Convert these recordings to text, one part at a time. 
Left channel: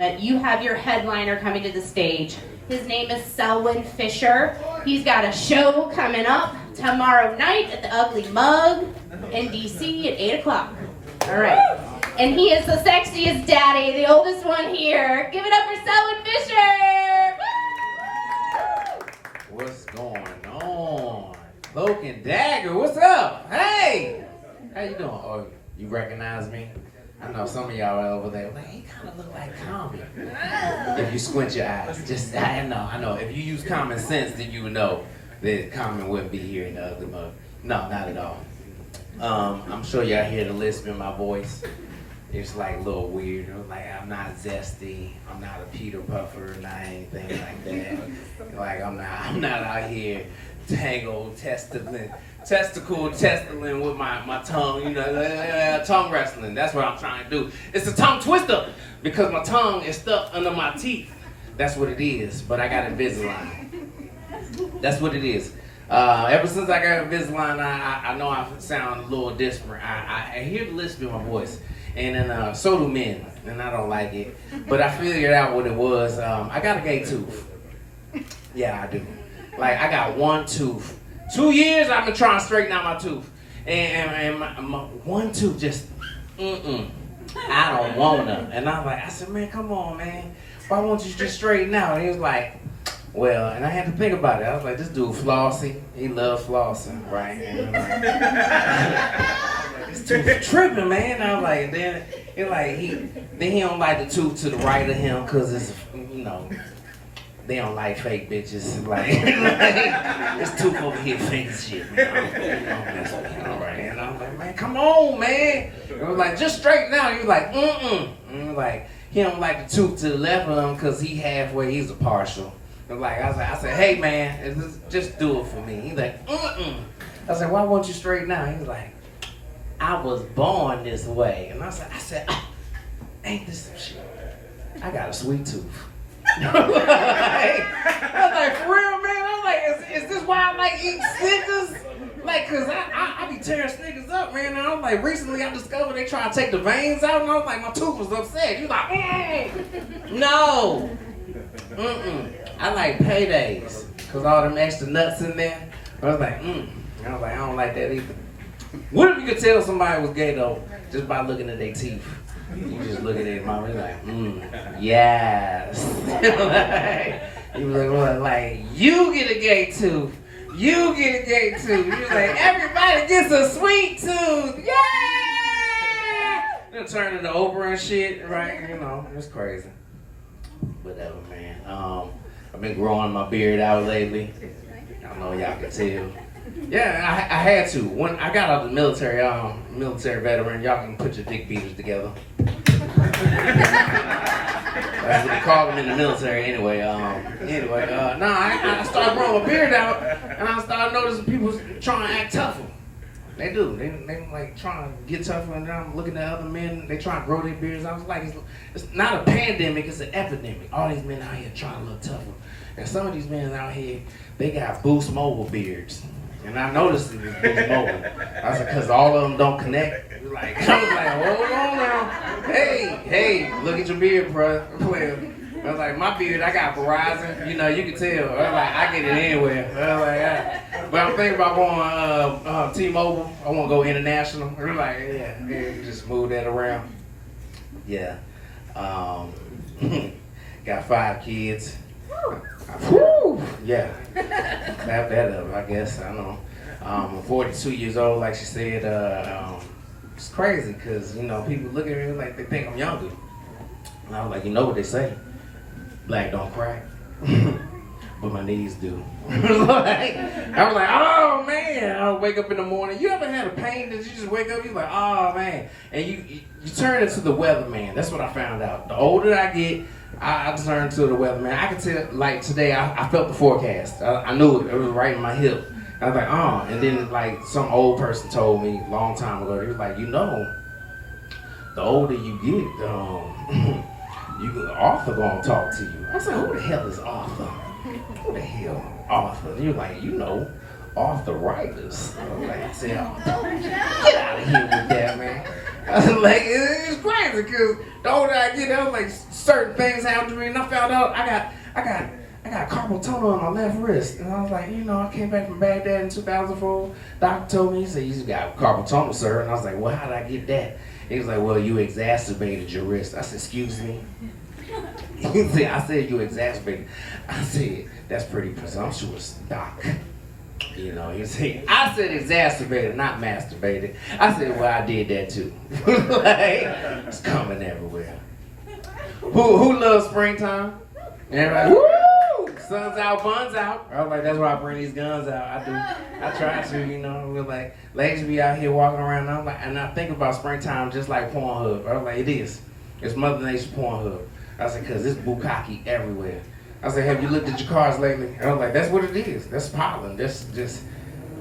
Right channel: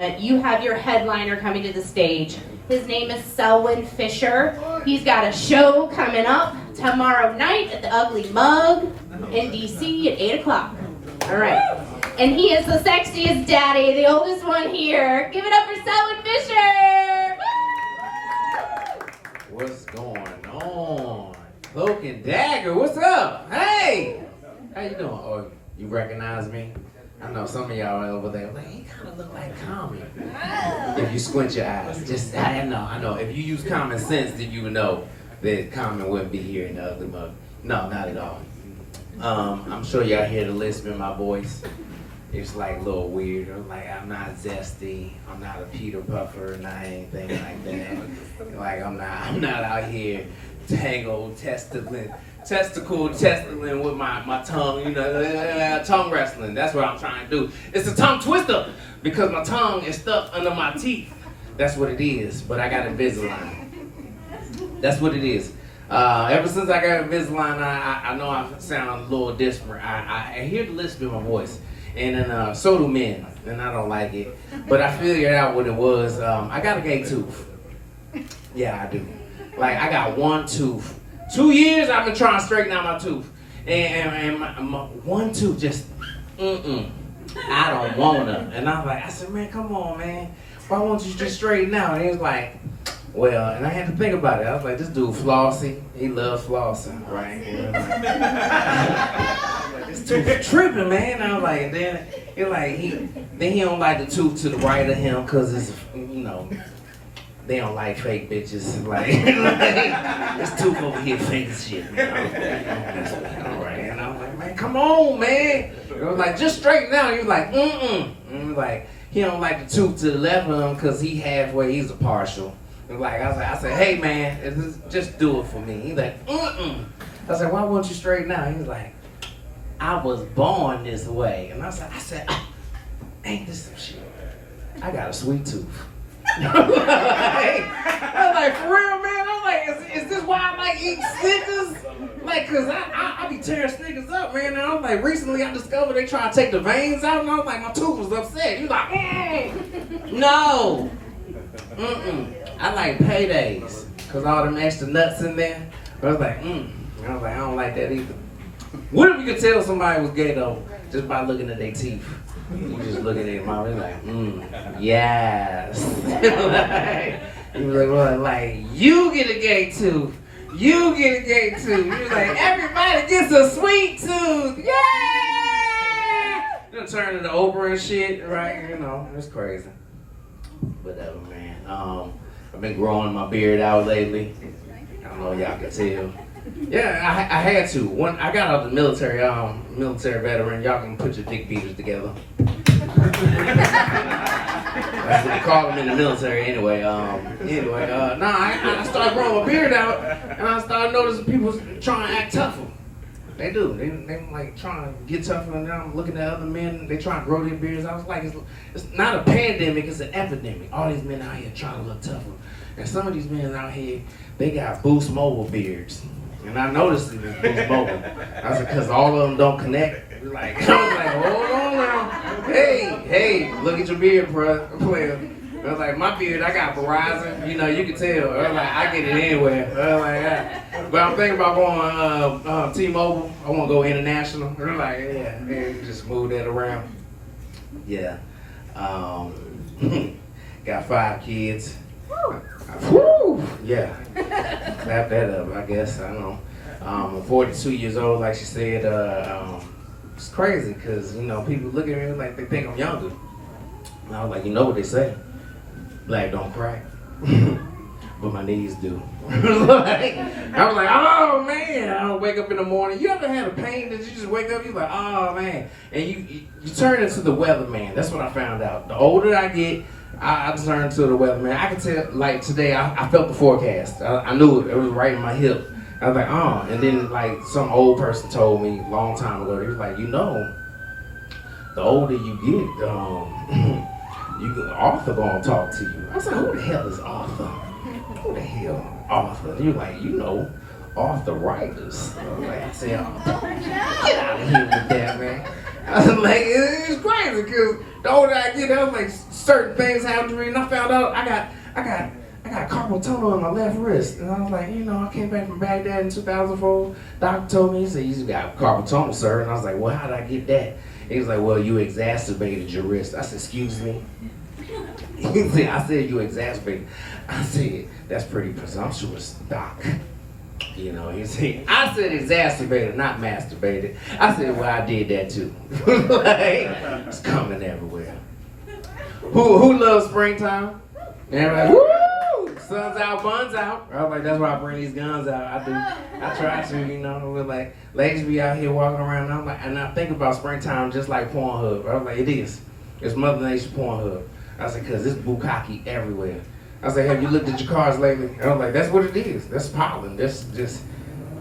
You have your headliner coming to the stage. His name is Selwyn Fisher. He's got a show coming up tomorrow night at the Ugly Mug in DC at 8 o'clock. All right. And he is the sexiest daddy, the oldest one here. Give it up for Selwyn Fisher! Woo! What's going on? Cloak and Dagger, what's up? Hey! How you doing? Oh, you recognize me? I know some of y'all over there, like, he kind of look like Common. If you squint your eyes, just, I know. If you use common sense, then you would know that Common wouldn't be here in the Ugly Mug. No, not at all. I'm sure y'all hear the lisp in my voice. It's like a little weird. Like, I'm not zesty. I'm not a Peter Puffer, not anything like that. Like, I'm not out here tangled, testicle with my tongue, tongue wrestling. That's what I'm trying to do. It's a tongue twister because my tongue is stuck under my teeth. That's what it is, but I got Invisalign. That's what it is. Ever since I got Invisalign, I know I sound a little disparate. I hear the lisp in my voice, and then so do men, and I don't like it. But I figured out what it was. I got a gay tooth. Yeah, I do. Like, I got one tooth. 2 years I've been trying to straighten out my tooth. And my one tooth just, I don't wanna. And I said, man, come on, man. Why won't you just straighten out? And he was like, well, and I had to think about it. I was like, this dude flossing. He loves flossing, right? And I was like, this tooth tripping, man. I was like, and then he don't like the tooth to the right of him because it's, they don't like fake bitches. Like, this tooth over here fake as shit. All right. And I was like, man, come on, man. It was like, just straighten out. He was like, And he was like, he don't like the tooth to the left of him because he halfway, he's a partial. And like, I said, hey, man, just do it for me. He's like, I said, why won't you straighten out? He was like, I was born this way. And I said, ain't this some shit? I got a sweet tooth. I was like, for real, man? I was like, is this why I like eating Snickers? Like, cause I be tearing Snickers up, man. And I was like, recently I discovered they try to take the veins out, and I was like, my tooth was upset. He was like, no. I like paydays, cause all them extra nuts in there. I was like, I was like, I don't like that either. What if you could tell somebody was gay though, just by looking at their teeth? You just look at their mouth and like, yes. He was like, well, like, you get a gay tooth. You get a gay tooth. He was like, everybody gets a sweet tooth. Yeah! They'll turn into Oprah and shit, right? It's crazy. Whatever, man. I've been growing my beard out lately. I don't know, y'all can tell. Yeah, I had to. When I got out of the military, military veteran, y'all can put your dick beaters together. That's what they call them in the military anyway. I started growing my beard out, and I started noticing people trying to act tougher. They do. They like trying to get tougher, and then I'm looking at other men, they trying to grow their beards. I was like, it's not a pandemic, it's an epidemic. All these men out here trying to look tougher. And some of these men out here, they got Boost Mobile beards. And I noticed it was Boost Mobile. I said, because all of them don't connect. I was like, hold on now. Hey, look at your beard, bro. I was like, my beard, I got Verizon. You can tell. I was like, I get it anywhere. But I'm thinking about going T-Mobile. I want to go international. I was like, yeah, just move that around. Yeah. Got 5 kids. Woo! Yeah. Clap that up, I guess. I don't know. I'm 42 years old, like she said. It's crazy because, people look at me like they think I'm younger. And I was like, you know what they say? Black don't crack. But my knees do. I was like, oh man, I don't wake up in the morning. You ever had a pain that you just wake up, you're like, oh man. And you turn into the weatherman. That's what I found out. The older I get, I turned to the weatherman. I could tell, like today, I felt the forecast. I knew it was right in my hip. I was like, oh. And then like some old person told me a long time ago, he was like, the older you get, Arthur gonna talk to you. I said, who the hell is Arthur? Who the hell Arthur? He was like, arthritis. I was like, get out of here with that, man. I was like, it's crazy because the older I get, I was like, certain things happen to me, and I found out I got carpal tunnel on my left wrist, and I was like, I came back from Baghdad in 2004. Doctor told me, he said, you got carpal tunnel, sir, and I was like, well, how did I get that? He was like, well, you exacerbated your wrist. I said, excuse me? He said, I said you exacerbated. I said, that's pretty presumptuous, doc. He said, I said exacerbated, not masturbated. I said, well, I did that too. Like, it's coming everywhere. Who loves springtime? Everybody, woo! Sun's out, buns out. I was like, that's why I bring these guns out. I do. I try to, We're like, ladies be out here walking around. And I'm like, and I think about springtime just like Pornhub. I was like, it is. It's Mother Nature Pornhub. I said, because it's bukkake everywhere. I said, have you looked at your cars lately? And I was like, that's what it is. That's pollen. That's just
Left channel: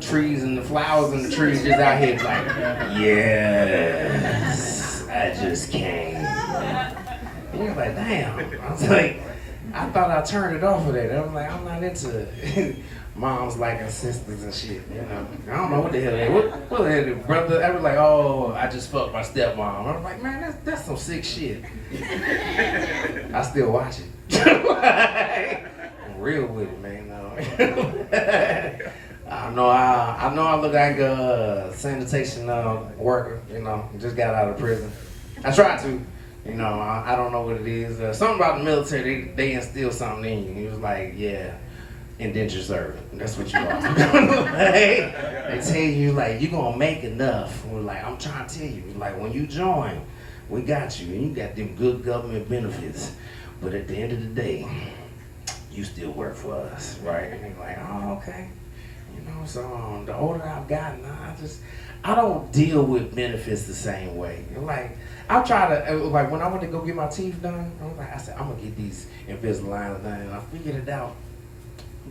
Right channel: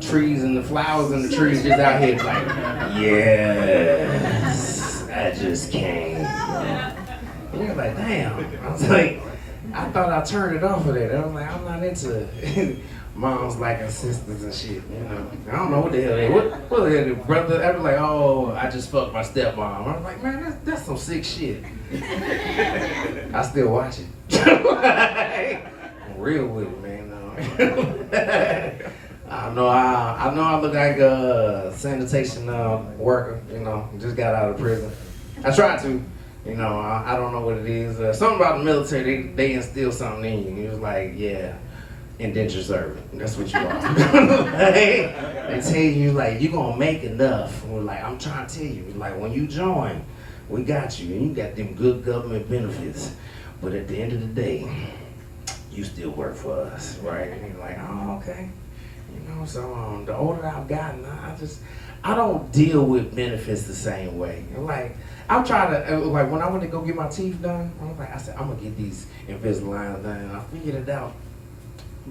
trees and the flowers and the trees just out here like, yes, I just came. And he was like, damn. I was like, I thought I turned it off of that. I was like, I'm not into moms liking sisters and shit, I don't know what the hell they, what the hell, brother? I was like, oh, I just fucked my stepmom. I was like, man, that's some sick shit. I still watch it. I'm real with it, man. I know I look like a sanitation worker, just got out of prison. I tried to, I don't know what it is. Something about the military, they instill something in you. It was like, yeah, indentured servant. That's what you are. They tell you, like, you're going to make enough. We're like, I'm trying to tell you, like, when you join, we got you, and you got them good government benefits. But at the end of the day, you still work for us, right? And you're like, oh, okay. So the older I've gotten, I don't deal with benefits the same way. Like, I'll try to, like when I went to go get my teeth done, I said, I'm gonna get these Invisalign done, and I figured it out.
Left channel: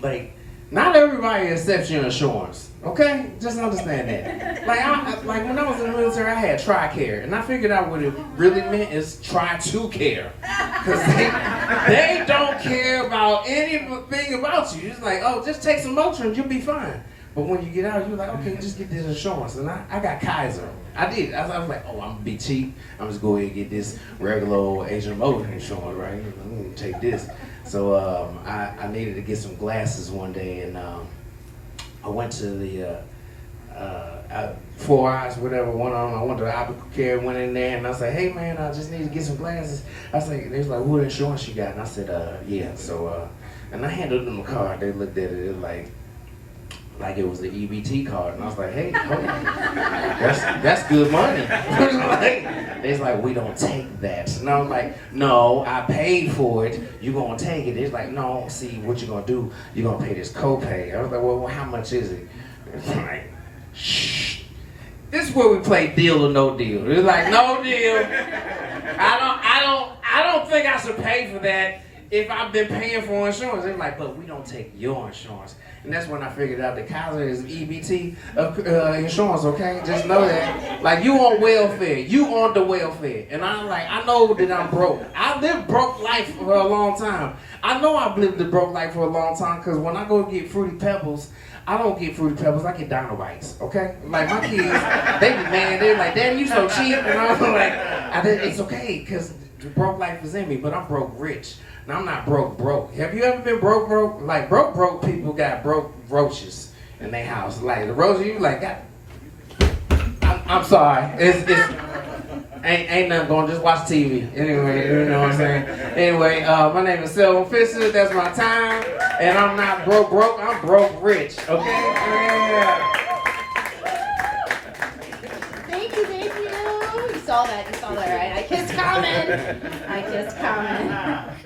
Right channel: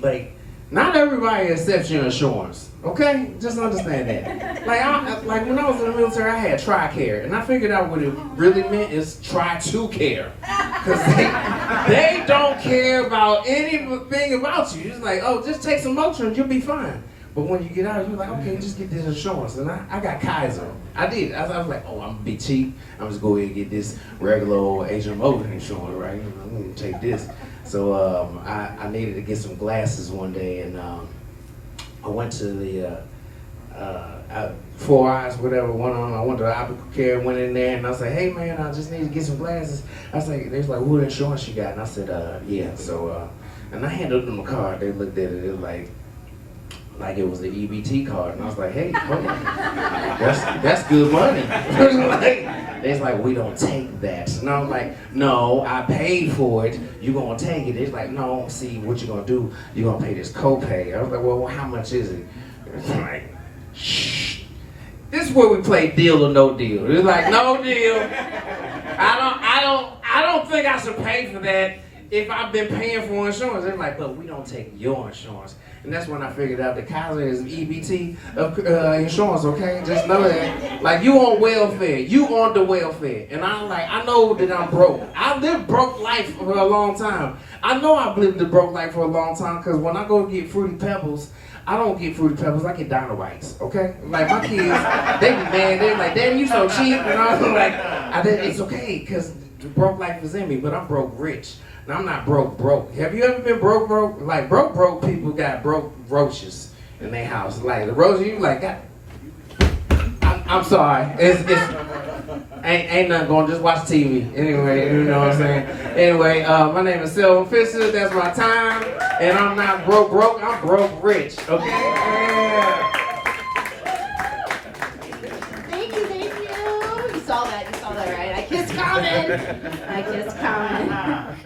Like, not everybody accepts your insurance, okay? Just understand that. Like when I was in the military, I had TRICARE, and I figured out what it really meant is try to care. Because they don't care about anything about you. It's like, oh, just take some Motrin, you'll be fine. But when you get out, you're like, okay, just get this insurance. And I got Kaiser. I did. I was like, oh, I'm gonna be cheap. I'm just go ahead and get this regular old HMO insurance, right? I'm gonna take this. So I needed to get some glasses one day, and I went to the 4 Eyes, whatever, one on. I went to the optical care, went in there, and I said, hey man, I just need to get some glasses. I said, they was like, what insurance you got? And I said, yeah. So and I handed them the card. They looked at it, it was like it was the EBT card, and I was like, hey, hold on. That's good money. They was like, we don't take that. And I was like, no, I paid for it. You gonna take it? It's like, no, see, what you gonna do, you gonna pay this copay. I was like, well, how much is it? It's like, shh. This is where we play deal or no deal. It's like, no deal. I don't think I should pay for that if I've been paying for insurance. It's like, but we don't take your insurance. And that's when I figured out that Kaiser is EBT insurance, okay? Just know that. Like, you on welfare. You on the welfare. And I'm like, I know that I'm broke. I lived broke life for a long time. I know I've lived the broke life for a long time because when I go get Fruity Pebbles, I don't get Fruity Pebbles, I get Dino-Bites, okay? Like, my kids, they be mad. They're like, Daddy, you so cheap. And I was like, it's okay because the broke life is in me, but I'm broke rich. Now, I'm not broke. Have you ever been broke? Like, broke people got broke roaches in their house. Like, the roaches, you like, God, I'm sorry. Ain't nothing going, just watch TV. Anyway, you know what I'm saying? Anyway, my name is Selwyn Fisher, that's my time. And I'm not broke, I'm broke rich, okay? Yeah. Thank you. You saw that, right? I kissed Common.